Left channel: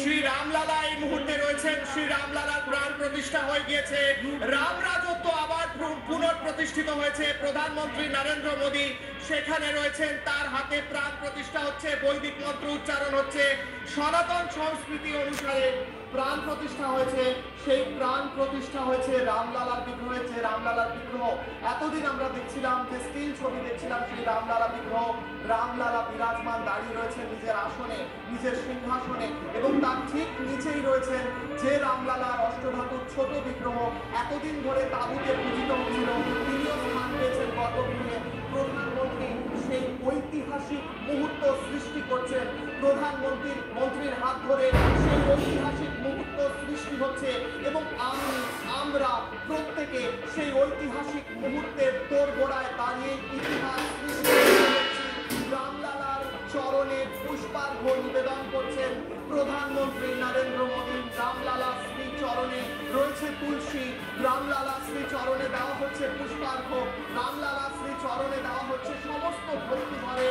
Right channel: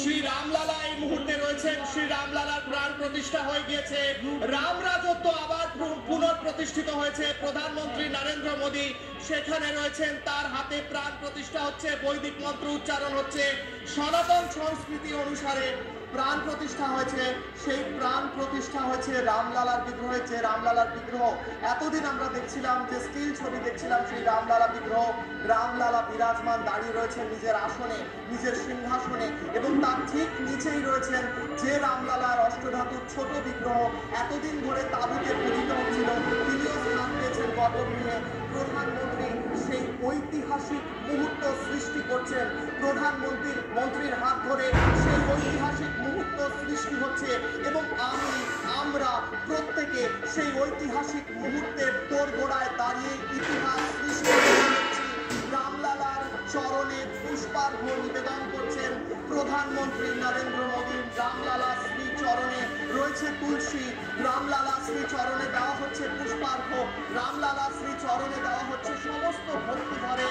শ্রী রামলালা এই মুহূর্তে রয়েছেন। শ্রী রামলালার প্রাণ প্রতিষ্ঠা হয়ে গিয়েছে, রাম রাজত্ব আবার পুনঃপ্রতিষ্ঠিত হয়েছে। প্রধানমন্ত্রী নরেন্দ্র মোদী সেখানে রয়েছেন, তার হাতে প্রাণ প্রতিষ্ঠা হচ্ছে, বৈদিক মন্ত্র উচ্চারণ হচ্ছে, সনাতন সংস্কৃতি অনুসারে প্রাণ প্রতিষ্ঠা হয়েছে। সেই প্রাণ প্রতিষ্ঠা হয়েছে রামলালার বিগ্রহে। যে রামলালার বিগ্রহ এতদিন আমরা দেখছিলাম, যে স্টিল ছবি দেখছিলাম, সেই রামলালা বিগ্রহ, রামলালা বিরাজমান দাঁড়িয়ে রয়েছেন নিজের আসনে, নিজের সিংহাসনে, এবং তার ঠিক নিচেই রয়েছেন যে রামলালার অষ্টধাতুর ছোট বিগ্রহ এতদিন ধরে তাঁবুতে পূজিত হচ্ছিল, তিনিও স্থান পেয়েছেন গর্ভগৃহে। প্রধানমন্ত্রী সেই ঐতিহাসিক মুহূর্ত সৃষ্টি করছেন, প্রধানমন্ত্রীর হাত ধরে সেই ঐতিহাসিক মুহূর্ত সৃষ্টি হচ্ছে, এবং আমরা প্রত্যেকে সেই ঐতিহাসিক মুহূর্তের দোরগোড়ায় দাঁড়িয়ে ইতিহাস সৃষ্টি করছি। রামলালার চরণে পুষ্পার্ঘ নিবেদন করছেন প্রধানমন্ত্রী নরেন্দ্র মোদী। রামলালা শ্রী চরণে রয়েছে তুলসী, রামলালা শ্রী চরণে দেওয়া হচ্ছে পুষ্পার্ঘ, রামলালা শ্রী চরণে দেওয়া হচ্ছে সমস্ত ভক্তি ভরে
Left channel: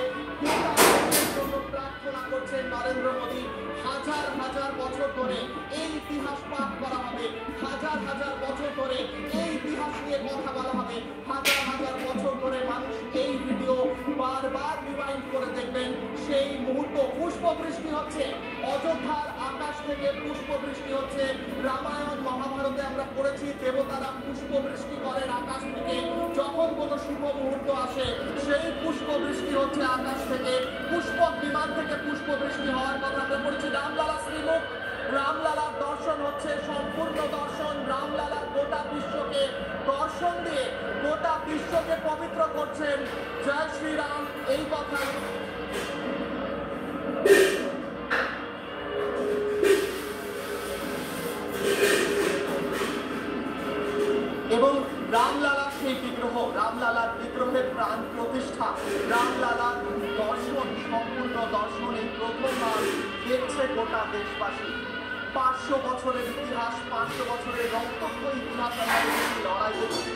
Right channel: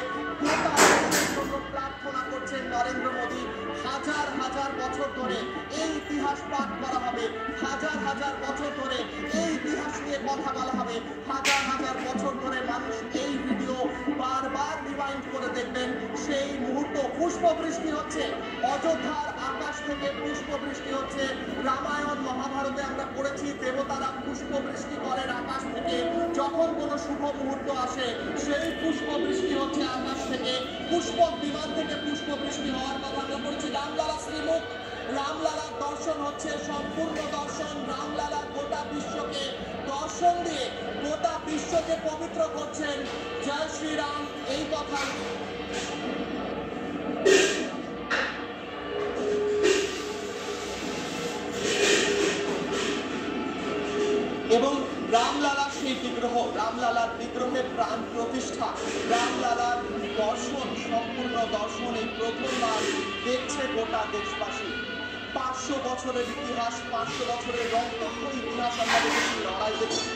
জন্য প্রার্থনা করছেন নরেন্দ্র মোদী। হাজার হাজার বছর ধরে এই ইতিহাস পাঠ করা হবে, হাজার হাজার বছর ধরে এই ইতিহাস নিয়ে কথা বলা হবে, হাজার হাজার বছর ধরে মানুষ এই ভিডিও বারবার রিমাইন্ড করে দেখবেন। সেই মুহূর্ত পুষ্পবৃষ্টি হচ্ছে, অযোধ্যার আকাশ থেকে পুষ্পবৃষ্টি হচ্ছে। রামায়ণ মহাভারতে আমরা পড়েছি, দেবতারা পুষ্পবৃষ্টি করেন আকাশ থেকে, যখন কোনো শুভ মুহূর্ত আসে সেই পুষ্পবৃষ্টি হচ্ছে আকাশ থেকে। পুষ্পক বিমান থেকে পুষ্পবৃষ্টি হওয়ার কথা আমরা পড়েছি। রামলালা শ্রীমুখ, রামলালার দর্শন হচ্ছে সম্পূর্ণ দর্শন। রামলালা গোটা বিশ্বকে দর্শন দিয়ে গোটা বিশ্বকে পবিত্র করছেন। জয় শ্রীরাম এই কথা। এবং রামলালা সেই বিগ্রহ, রামলালার বিগ্রহের প্রাণ প্রতিষ্ঠা, রামলালার দর্শন, সম্পূর্ণ দর্শন এই প্রথমবার দেখছে গোটা দেশবাসী। 500 বছরের ইতিহাস, 500 বছরের রক্তক্ষয়ী ইতিহাস আমরা দেখেছি, লড়াই দেখেছি।